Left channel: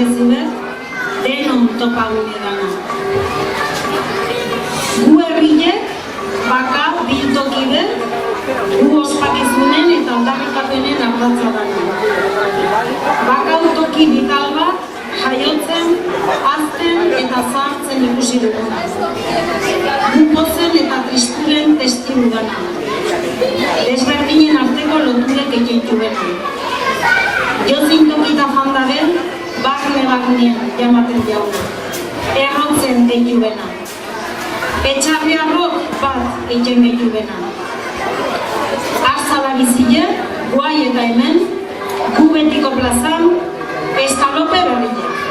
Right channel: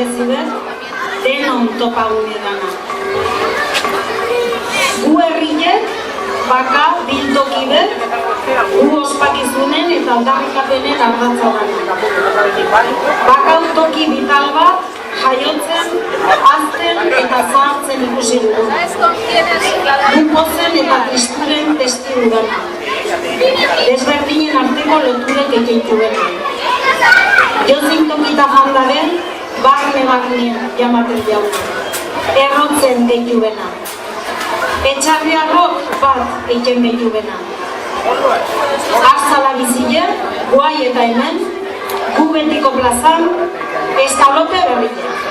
berezibet, denon topagune dana. Gu herriek, baka, biltoki bet, gu ospakizunen eta aldarrikapenen ardatza dana. Baka toki vital bat, jaiotzen, hazten eta zahartzen ikusi duguna. Gu pozen eta tristuren testigu dana. Desberdinen arteko loturek egeitu bena. Jozin tokita jandaren, barne-barnien jamaten jauna. Errotzen deitu bena. Etxarriarrok bat egiten gehitu bena. Arzala bizile, guai eta hemen, gu betiko plazan, estalope berriek.